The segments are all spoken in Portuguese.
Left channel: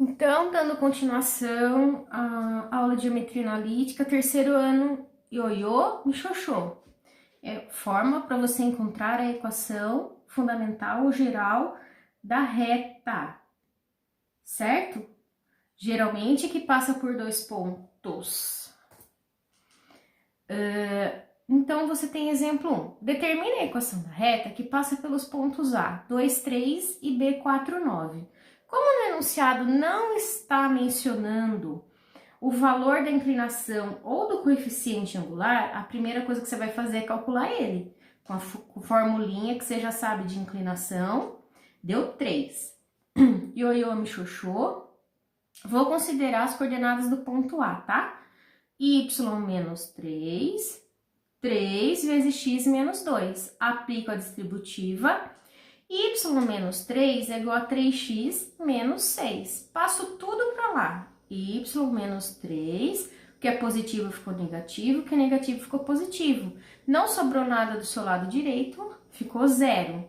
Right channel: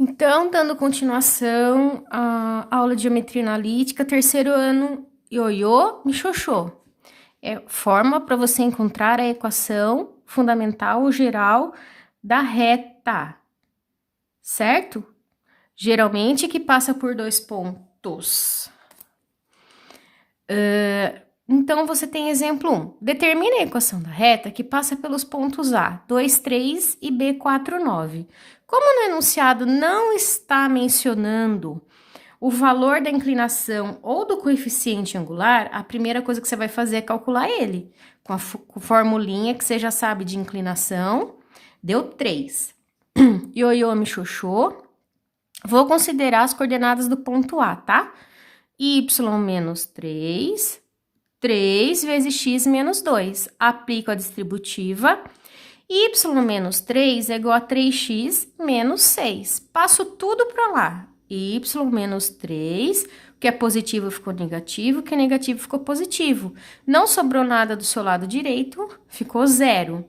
Então, dando continuação à aula de geometria analítica, terceiro ano, ioiô, michoxô. É forma para você encontrar a equação fundamental ou geral da reta, certo? Geralmente que passa por dois pontos. Então, você tem exemplo 1. Determine a equação da reta que passa pelos pontos A, 2, 3 e B, 4, 9. Como no enunciado não está mencionando o valor da inclinação ou do coeficiente angular, a primeira coisa que você vai fazer é calcular ele. Com a formulinha que você já sabe de inclinação, deu 3. Ioiô, michoxô. Vou considerar as coordenadas do ponto A, tá? Y menos 3, 3 vezes x menos 2. Aplico a distributiva. Y menos 3 é igual a 3x menos 6. Passo tudo para lá. Y menos 3, o que é positivo ficou negativo, o que é negativo ficou positivo. Não sobrou nada do seu lado direito, ficou zero.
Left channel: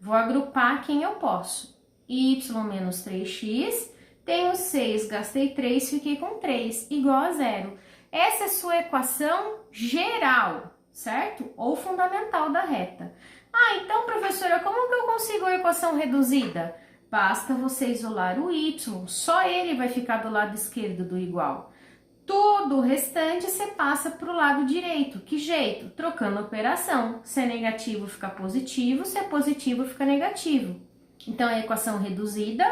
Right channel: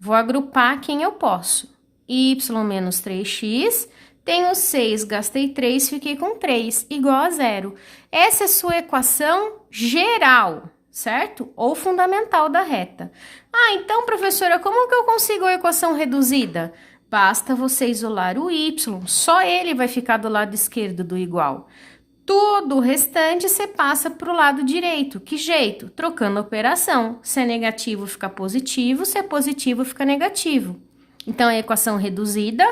Vou agrupar quem eu posso. Y menos 3x, tenho 6, gastei 3, fiquei com 3, igual a zero. Essa é a sua equação geral, certo? Ou fundamental da reta. Ah, então, professora, como que eu consigo a equação reduzida? Basta você isolar o y, só ele vai ficar do lado esquerdo do igual. Tudo o restante você passa para o lado direito. Que jeito? Trocando a operação. Se é negativo, fica positivo, se é positivo, fica negativo. Então, a equação reduzida,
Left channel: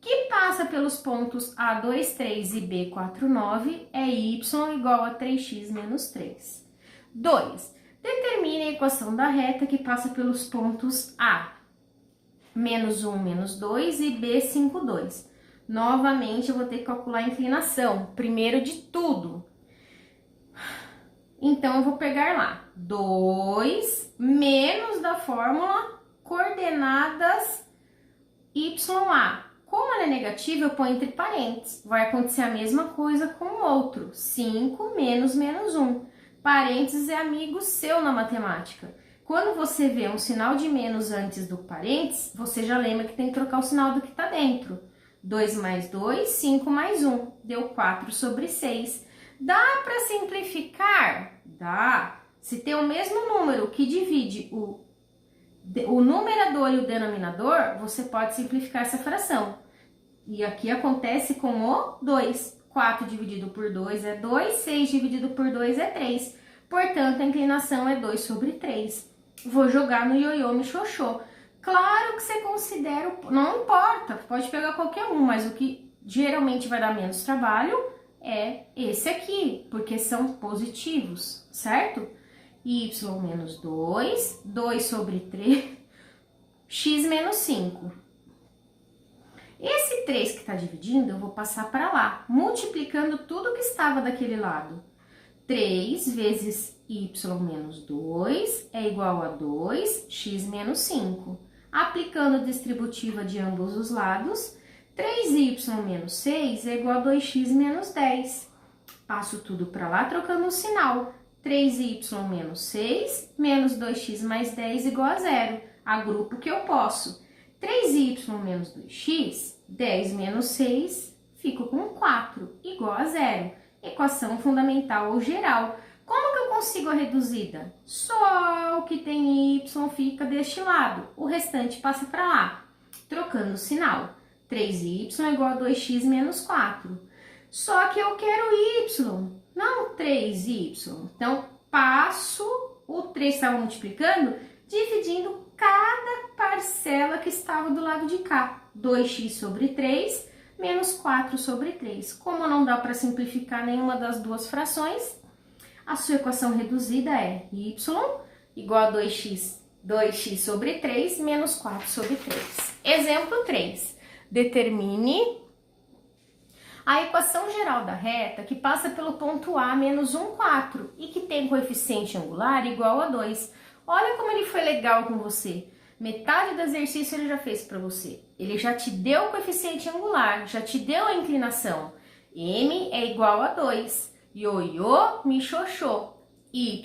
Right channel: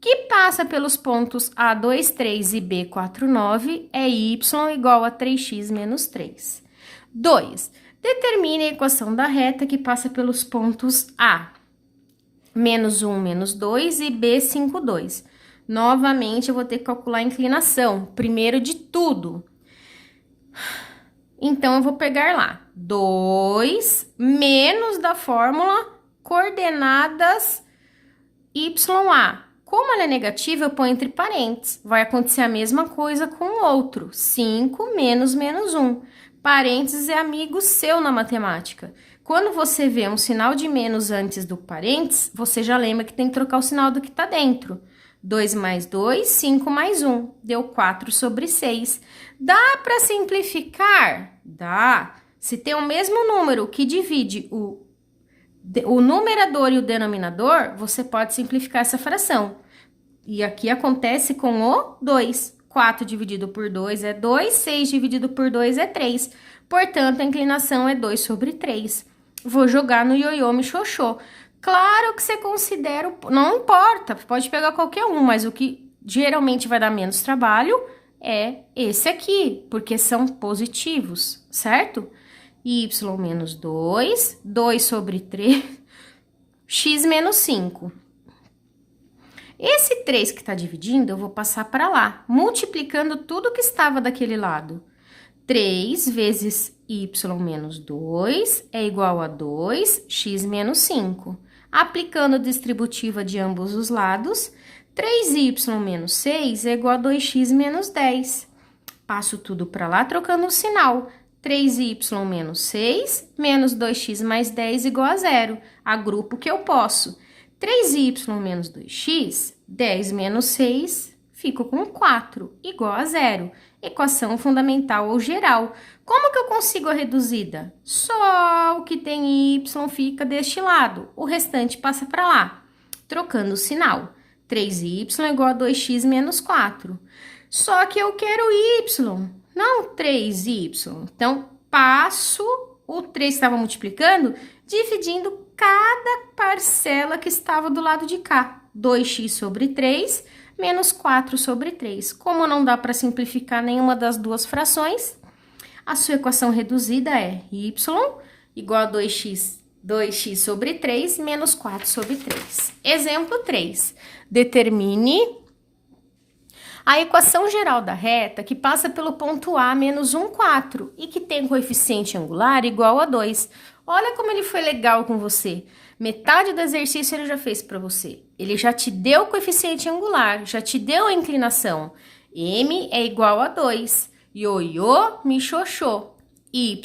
que passa pelos pontos A, 2, 3 e B, 4, 9, é y igual a 3x menos 3. 2. Determine a equação da reta que passa pelos pontos A, menos 1, menos 2 e B, 5, 2. Novamente, eu vou ter que calcular a inclinação, primeiro de tudo. Então, eu vou pegar lá 2 menos da fórmula coordenadas YA. Como ela é negativa, eu ponho entre parênteses. Vai acontecer a mesma coisa com o outro. 5 menos menos 1. Parênteses é amigo seu na matemática. Quando você vê um sinal de menos antes do parênteses, você já lembra que tem que trocar o sinal do que está dentro. 2 mais 2, 5 mais 1. Deu 4 sobre 6. Dá para simplificar? Dá. Se tem o mesmo número que divide o numerador e o denominador, você pode simplificar essa fração. E aqui acontece com o 2. 4 dividido por 2 é 2, 6 dividido por 2 é 3. Portanto, a inclinação é 2 sobre 3. Vou jogar no ioiô michoxô. Claro que você considera, não importa, pode pegar qualquer um, mas o que geralmente vai dar menos trabalho é esse aqui, porque são positivos, certo? Y menos 2, 2 sobre 3, x menos 5. Esse 3 que está dividindo, eu vou passar para lá, multiplicando tudo que estava daquele lado. 3 vezes y menos 2 é igual a 2, x menos 5. Aplicando a distributiva de ambos os lados, 3y menos 6 é igual a 2x menos 10. Passo tudo para lá, trocando o sinal. 3y menos 6 menos 2x mais 10 igual a zero. Agrupo o que eu posso. 3y menos 2x, 10 menos 6, fico com 4, igual a zero. Equação fundamental ou geral. Como que eu consigo a reduzida? Só o que tem y fica deste lado, o restante passa para lá. Trocando o sinal. 3y é igual a 2x menos 4. Só que eu quero y, não 3y. Então, passo o 3 que estava multiplicando, dividindo cada parcela que estava do lado de cá. 2x sobre 3 menos 4 sobre 3. Como não dá para simplificar nenhuma das duas frações, a sua equação reduzida é y igual a 2x sobre 3 menos 4 sobre 3. Exemplo 3. Determine a equação geral da reta que passa pelo ponto A menos 1, 4 e que tem coeficiente angular igual a 2. Olha como ele foi legal com você. Metade do exercício ele já fez para você. Ele já te deu o coeficiente angular, já te deu a inclinação. M é igual a 2. Ioiô, michoxô. Y,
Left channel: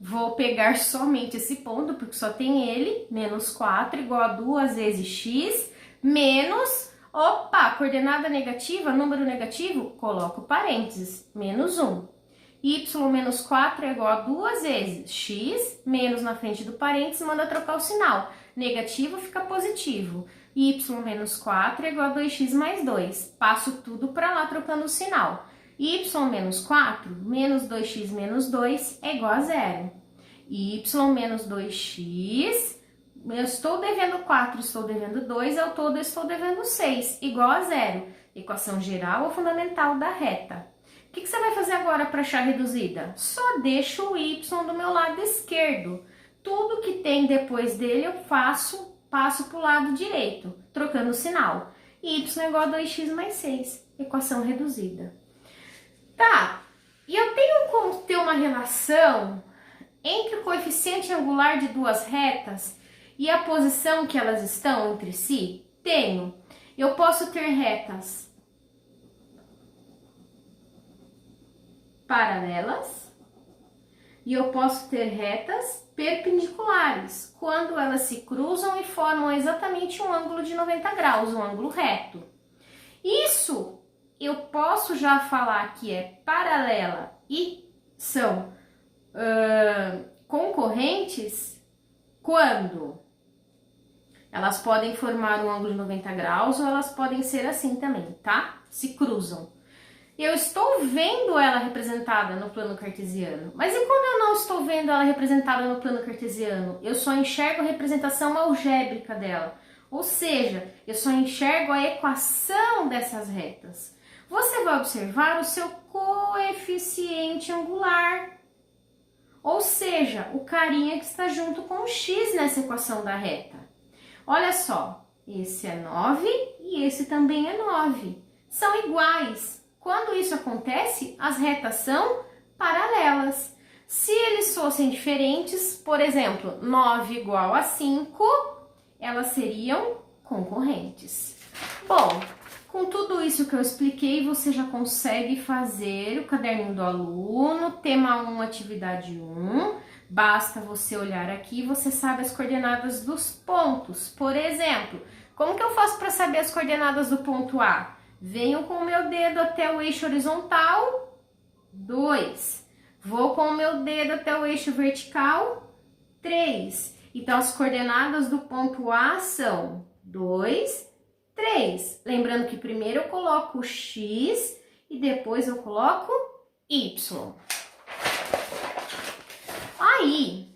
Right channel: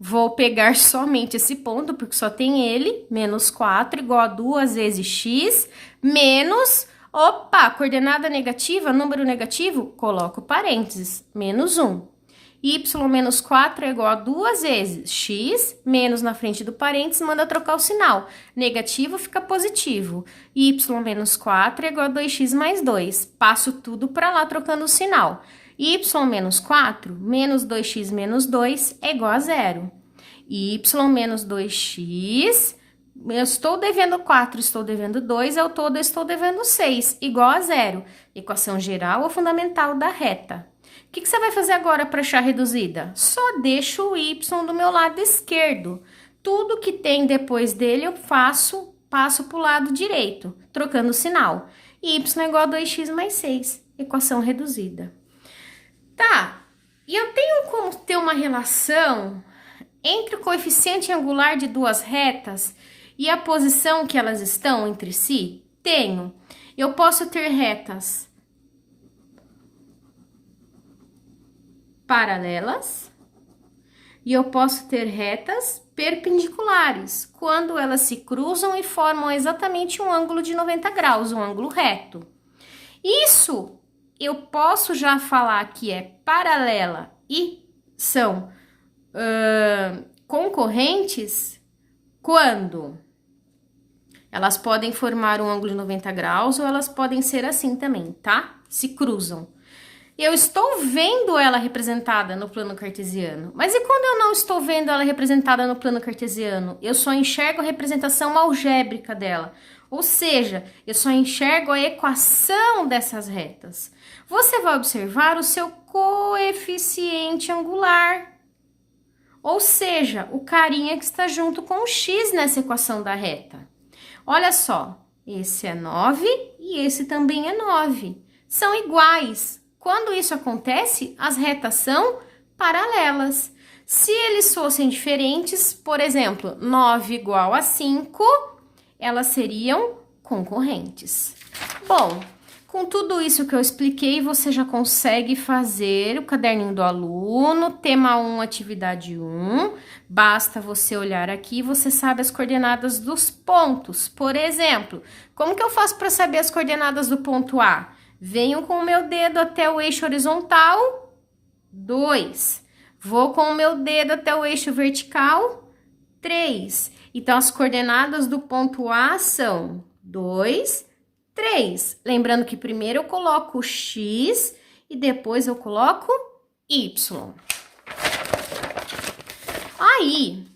vou pegar somente esse ponto, porque só tem ele. Menos 4 igual a 2 vezes x, menos Opa, coordenada negativa, número negativo, coloco parênteses, menos 1. Y menos 4 é igual a 2 vezes x, menos na frente do parênteses, manda trocar o sinal. Negativo fica positivo. Y menos 4 é igual a 2x mais 2. Passo tudo para lá trocando o sinal. Y menos 4 menos 2x menos 2 é igual a 0. Y menos 2x, eu estou devendo 4, estou devendo 2, ao todo eu estou devendo 6, igual a 0. Equação geral ou fundamental da reta. O que você vai fazer agora para achar reduzida? Só deixo o y do meu lado esquerdo. Tudo que tem depois dele eu passo para o lado direito, trocando o sinal. Y é igual a 2x mais 6, equação reduzida. Tá, e eu tenho como ter uma relação entre o coeficiente angular de duas retas e a posição que elas estão entre si? Tenho. Eu posso ter retas paralelas e eu posso ter retas perpendiculares, quando elas se cruzam e formam exatamente um ângulo de 90 graus, um ângulo reto. Isso eu posso já falar que é paralela e são concorrentes quando elas podem formar um ângulo de 90 graus ou elas podem ser assim também, tá? Se cruzam. Eu estou vendo ela representada no plano cartesiano. Mas e quando eu não estou vendo ela representada no plano cartesiano? Eu só enxergo a representação algébrica dela. Ou seja, eu só enxergo a equação dessas retas. Você vai observar o seu coeficiente angular. Ou seja, o carinha que está junto com o x nessa equação da reta. Olha só, esse é 9 e esse também é 9. São iguais. Quando isso acontece, as retas são paralelas. Se eles fossem diferentes, por exemplo, 9 igual a 5, elas seriam concorrentes. Bom, com tudo isso que eu expliquei, você já consegue fazer o caderninho do aluno, tema 1, atividade 1. Basta você olhar aqui e você sabe as coordenadas dos pontos. Por exemplo, como que eu faço para saber as coordenadas do ponto A? Venho com o meu dedo até o eixo horizontal, 2. Vou com o meu dedo até o eixo vertical, 3. Então, as coordenadas do ponto A são 2, 3. Lembrando que primeiro eu coloco x e depois eu coloco y. Aí,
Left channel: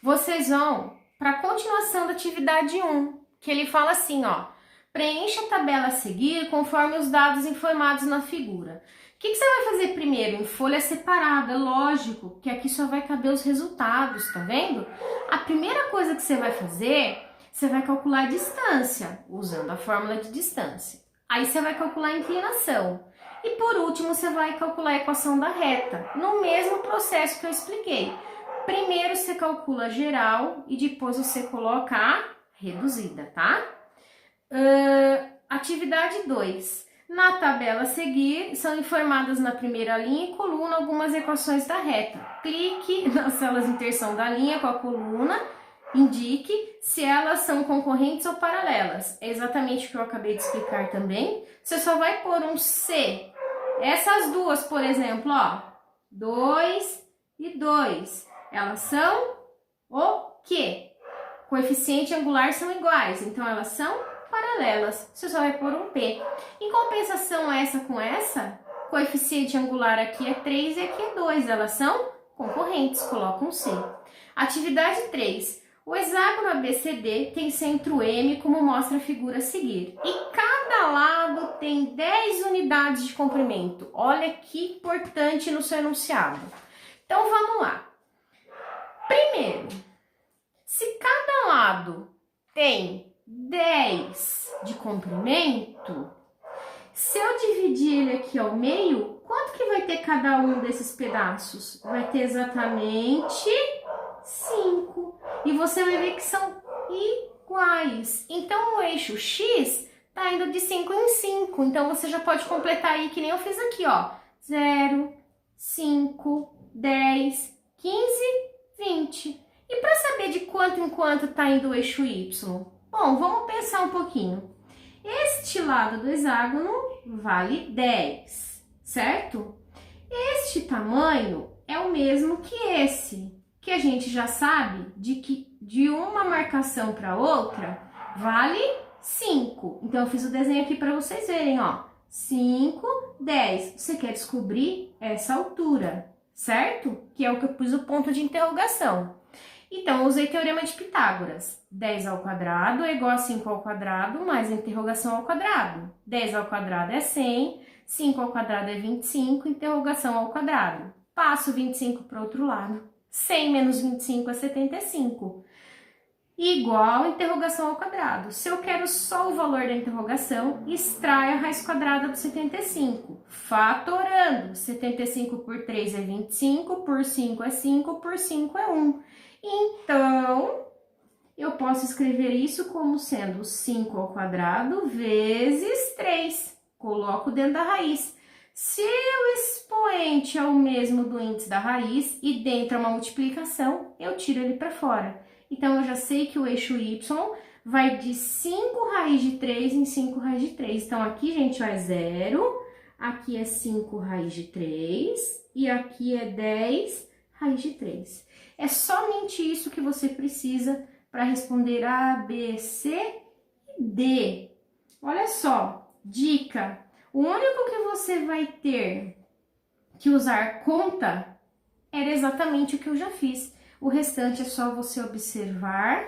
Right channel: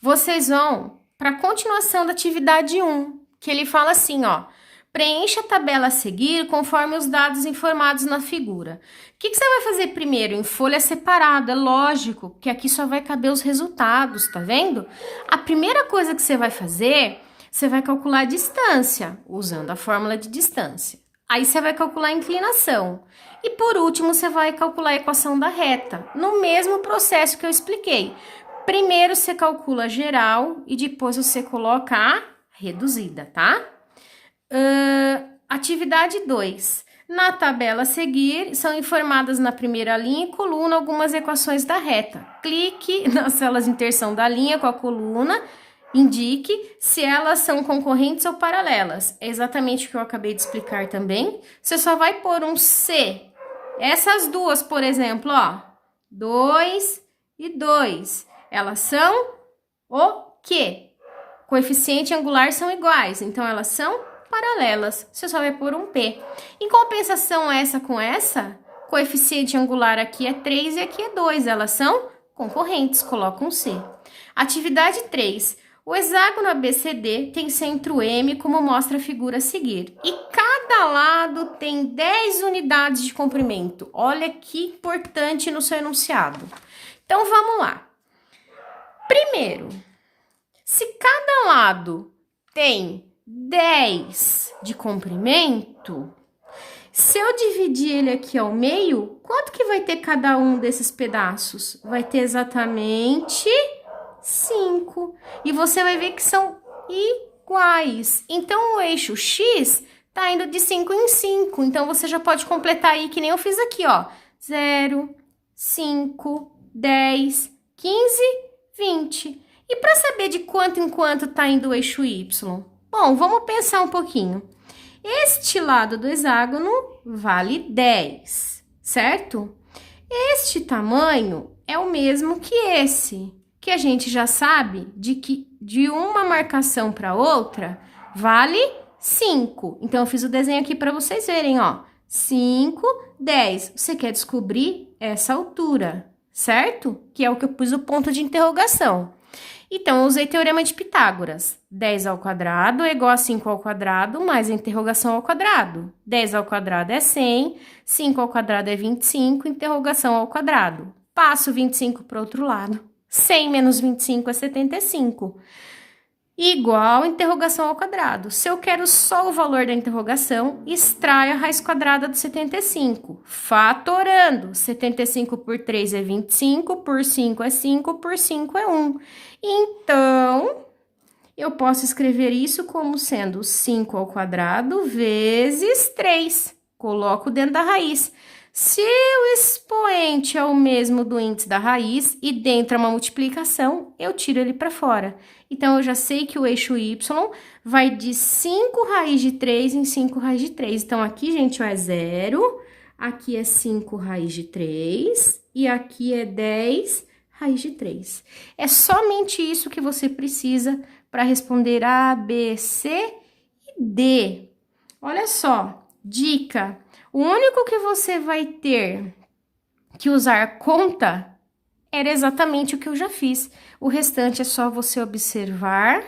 vocês vão para a continuação da atividade 1, que ele fala assim, ó. Preencha a tabela a seguir conforme os dados informados na figura. O que você vai fazer primeiro? Em folha separada, lógico, que aqui só vai caber os resultados, tá vendo? A primeira coisa que você vai fazer, você vai calcular a distância, usando a fórmula de distância. Aí você vai calcular a inclinação. E por último, você vai calcular a equação da reta, no mesmo processo que eu expliquei. Primeiro você calcula a geral e depois você coloca a reduzida, tá? Atividade 2. Na tabela a seguir, são informadas na primeira linha e coluna algumas equações da reta. Clique nas células de inserção da linha com a coluna, indique se elas são concorrentes ou paralelas. É exatamente o que eu acabei de explicar também. Você só vai pôr um C. Essas duas, por exemplo, ó, 2 e 2, elas são o quê? Coeficiente angular são iguais, então elas são paralelas, você só vai pôr um P. Em compensação essa com essa, coeficiente angular aqui é 3 e aqui é 2, elas são concorrentes, coloca um C. Atividade 3. O hexágono ABCD tem centro M, como mostra a figura a seguir. E cada lado tem 10 unidades de comprimento. Olha que importante no seu enunciado. Então, vamos lá. Primeiro, se cada lado tem 10 de comprimento, se eu dividir ele aqui ao meio, quanto que vai ter cada um desses pedaços? Vai ter exatamente 5. E você vai ver que são iguais. Então, o eixo X tá indo de 5 em 5. Então, você já pode completar aí, que nem eu fiz aqui, ó. 0, 5, 10, 15, 20. E para saber de quanto em quanto tá indo o eixo Y? Bom, vamos pensar um pouquinho. Este lado do hexágono vale 10, certo? Este tamanho é o mesmo que esse, que a gente já sabe de uma marcação para outra vale 5. Então, eu fiz o desenho aqui para vocês verem, ó. 5, 10. Você quer descobrir essa altura, certo? Que é o que eu pus o ponto de interrogação. Então, eu usei teorema de Pitágoras. 10 ao quadrado é igual a 5 ao quadrado mais a interrogação ao quadrado. 10 ao quadrado é 100, 5 ao quadrado é 25, interrogação ao quadrado. Passo 25 para o outro lado. 100 menos 25 é 75. Igual interrogação ao quadrado. Se eu quero só o valor da interrogação, extraio a raiz quadrada do 75, fatorando. 75 por 3 é 25, por 5 é 5, por 5 é 1. Então, eu posso escrever isso como sendo 5 ao quadrado vezes 3. Coloco dentro da raiz. Se o expoente é o mesmo do índice da raiz e dentro é uma multiplicação, eu tiro ele para fora. Então, eu já sei que o eixo y vai de 5 raiz de 3 em 5 raiz de 3. Então, aqui, gente, ó, é 0, aqui é 5 raiz de 3 e aqui é 10 raiz de 3. É somente isso que você precisa para responder A, B, C e D. Olha só, dica. O único que você vai ter que usar conta era exatamente o que eu já fiz. O restante é só você observar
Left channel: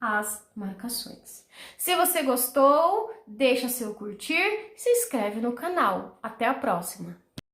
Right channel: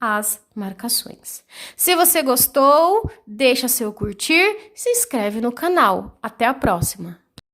as marcações. Se você gostou, deixa seu curtir, se inscreve no canal. Até a próxima!